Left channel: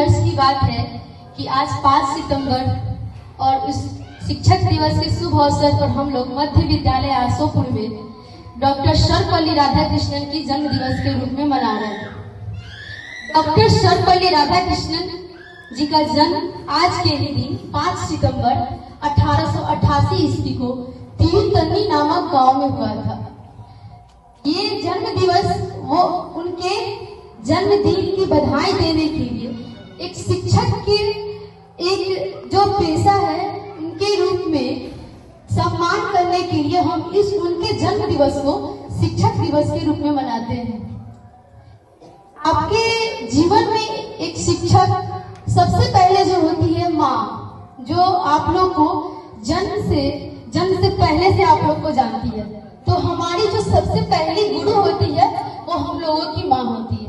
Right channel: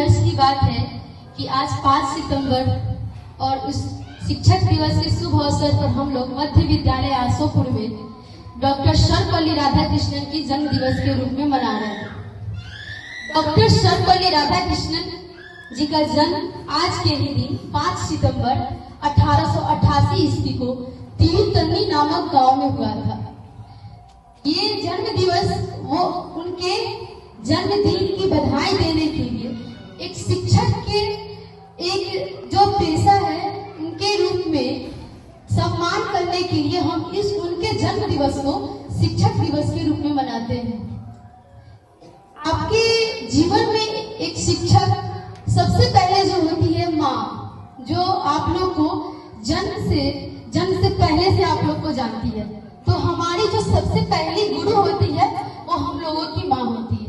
हर्ष की बात है कि आज 5 सितंबर और उस शिक्षक दिवस के शुभ अवसर पर हम लोग मध्य विद्यालय आसोपुर में डॉक्टर सर्वपल्ली राधाकृष्णन की जन्म दिवस के रूप में मना रहे हैं। डॉक्टर सर्वपल्ली राधाकृष्णन जी का जन्म आज के ही दिन 5 सितंबर 1888 ईस्वी को तिरुतन्नी नामक गांव में हुआ था। ये जन्म दिवस वो उनके जन्मदिन की बधाई देने के लिए एक शिक्षक के एक जो पेशा है उनके रूप में सम्मान करने के लिए हम इस उनके जन्म दिवस को शिक्षक दिवस के रूप में मनाते हैं। आपके जीवन में एक शिक्षक सबसे पहले जो होती है माँ, जो आप लोग को जन्म से पहले से आप लोग को जानती है। तो हमारी जो सबसे पहली गुरु होती है वो हम लोगों की माँ होती है।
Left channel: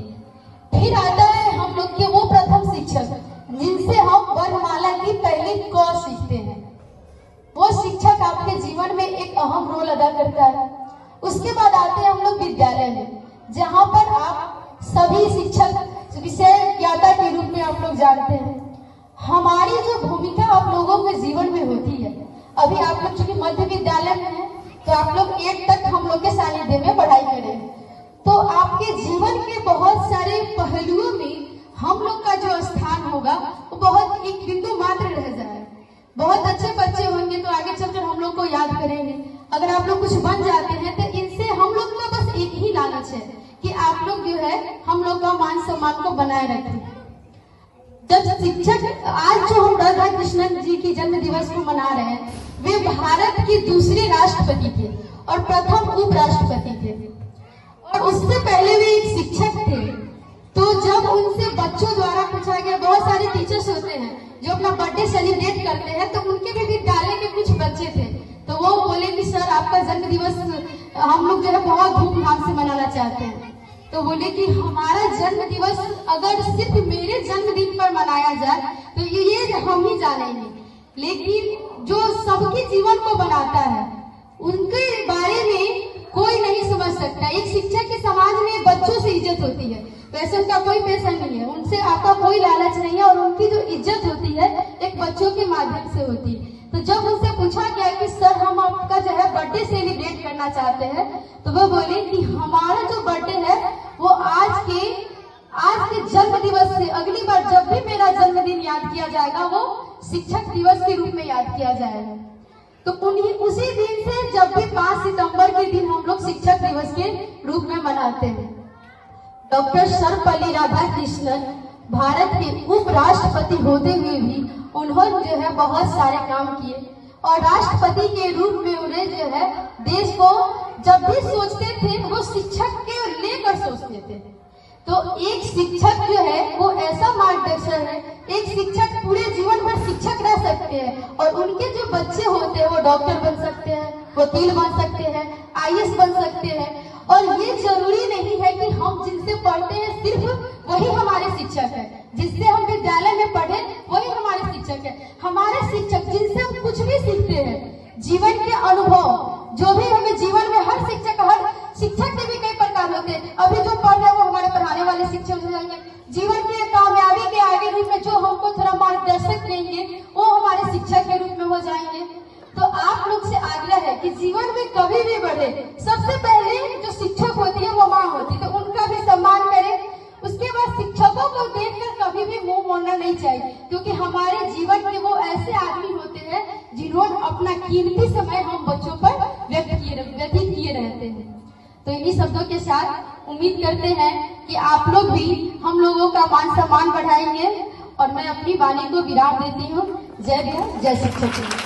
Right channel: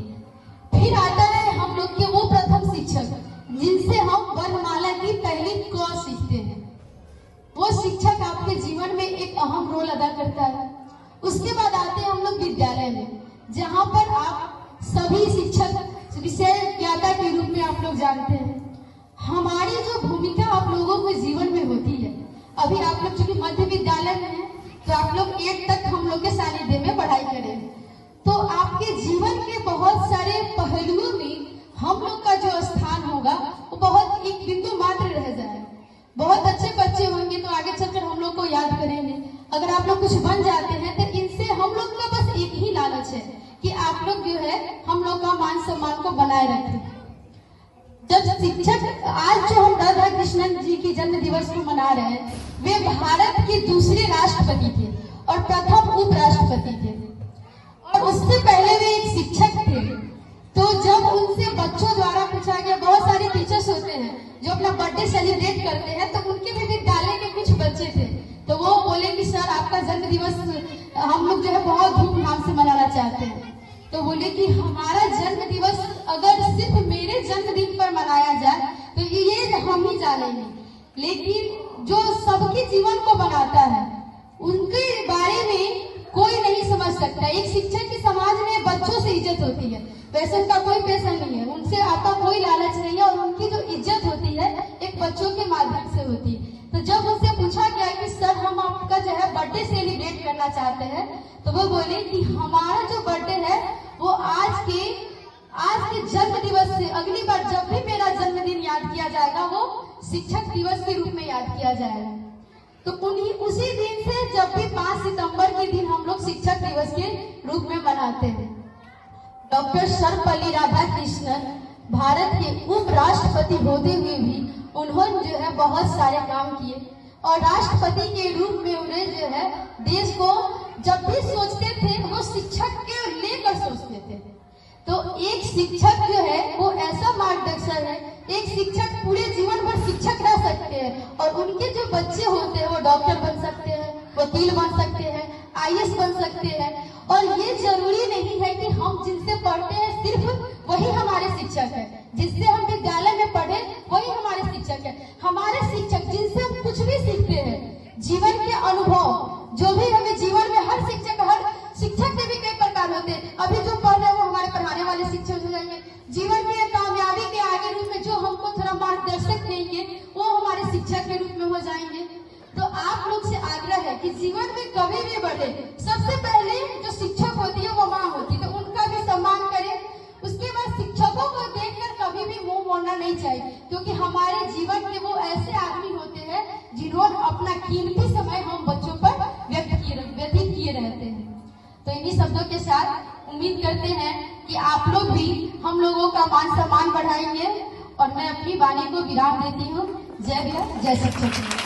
फिर आता है हम लोग के वो प्रथम शिक्षक जिनसे हम वर्णमाला की पहली क सीखते हैं। वो शिक्षक आपके जीवन में एक अहम रोल अदा करता है। उसके बाद आते हैं हम लोग विद्यालय में, जहाँ पर आप सभी शिक्षक विषय ज्ञाता के रूप में आप लोग जानते हैं। हमारी जो भूमिका आप लोगों के जीवन में होती है, अभी आप लोग चूंकि मध्य विद्यालय में है तो आप लोग 8 तक हम लोग के सानिध्य में पढ़ाई करें, तो आपके जीवन के बहुत सारे पहलुओं में हम लोग का जो स्थान होगा वो बहुत एक बिंदु मात्र रह जाए। बहुत अच्छे बच्चे होंगे तो आगे चलकर हम लोग को याद करेंगे। अगर आप लोग कुछ बन जाते हैं तो इनसे हम लोग का बस एक ही लालच है कि आप लोग जो है हम लोग का मान सम्मान को बनाए रखें। जब शिक्षक आज जो हम राधाकृष्णन जी की जन्म दिवस को मना रहे हैं, वे भारत के दूसरे राष्ट्रपति थे और प्रथम उपराष्ट्रपति थे, और उससे पहले वे एक शिक्षक थे। तो जब उनसे बच्चों द्वारा पूछा गया, बहुत सारे टीचर्स होते हैं जो अपना बर्थडे सेलिब्रेट करते हैं, तो उनके भी विद्यालय के कुछ बच्चे थे, तो वो बोले कि सर आपका जन्म दिवस हम लोग जो है बहुत धूमधाम से मनाना चाहते हैं। तो बोले कि हमारा जन्म दिवस अगर सिर्फ मेरे जन्मदिन पर मनाया जाए तो ये हम ही जानेंगे, लेकिन जो सबके जीवन को बनाता है उनके बारे में कोई नहीं समझ सकता। एक शिक्षक के समाज में बच्चों से इज्जत होती है, वैसे उनका कोई पैसा नहीं है, उनसे आपका कोई लालच नहीं है, और उनकी जो इज्जत होती है एक बच्चों के माध्यम से होती है। तो जब उनसे पूछा गया कि सर हम आपका जो है बर्थडे सेलिब्रेट करना चाहते हैं, तो वो बोले कि हमारा जो बर्थडे है वो आज के जन्म दिवस से अगली बार जब भी मेरा जन्मदिन याद किया जाएगा वो शिक्षक दिवस के रूप में याद किया जाएगा। तो उसी दिन से जब भी 5 सितंबर के दिन हम लोग शिक्षक दिवस के रूप में मनाते हैं। डॉक्टर सर्वपल्ली राधाकृष्णन भारत के उपराष्ट्रपति होते हुए भी उन्होंने जो है बहुत सारे काम किए, और राष्ट्रपति के रूप में उन्हें जो है देश को जब भी सोचते थे वो शिक्षक के लेकर सोचते थे। तो एक शिक्षक जो है वो ऐसा मार्गदर्शन है, एक शिक्षक पूरे जीवन भर शिक्षक रह सकते हैं, और उनके जो बच्चे होते हैं वो डॉक्टर बन सकते हैं, वकील बन सकते हैं, IAS बन सकते हैं। और ये जरूरी नहीं है कि हम जिनसे पढ़ते हैं सिर्फ वही हमारे शिक्षक है, जिससे हम विद्यालय में पढ़े वही हमारे शिक्षक है। हमारे शिक्षक जिनसे हम कुछ भी सीखते हैं, जीवन के अनुभव जो भी हमें जीवन में हर शिक्षक के भी कई प्रकार होते हैं। अभी जो पढ़ रहे हैं वो हमारे पढ़ाने वाले शिक्षक हो जाएंगे, जीवन के कामयाबी के आगे रूप में जो हमको थोड़ा मार्गदर्शक देंगे वो हमारे शिक्षक के रूप में हो जाएंगे। तो आप लोग से आग्रह है कि जीवन में कभी भी बढ़े, सबसे पहले जो शिक्षक होती है वो माँ होती है, तो उनका भी सम्मान करें। उसके बाद शिक्षकों को देखकर कभी भी मुंह मोड़ना नहीं चाहिए, क्योंकि हमारे जीवन में वो ऐसे आदमी होते हैं जिन्होंने अपना कीमती समय हम बच्चों पर व्यतीत किए रहते हैं। तो इन्हीं शब्दों के साथ उम्मीद करते हैं कि आप लोग भी हम लोगों का मान सम्मान बढ़ाएंगे, और मैं अपनी वाणी को विराम देती हूँ। जय भीम, जय शिक्षक।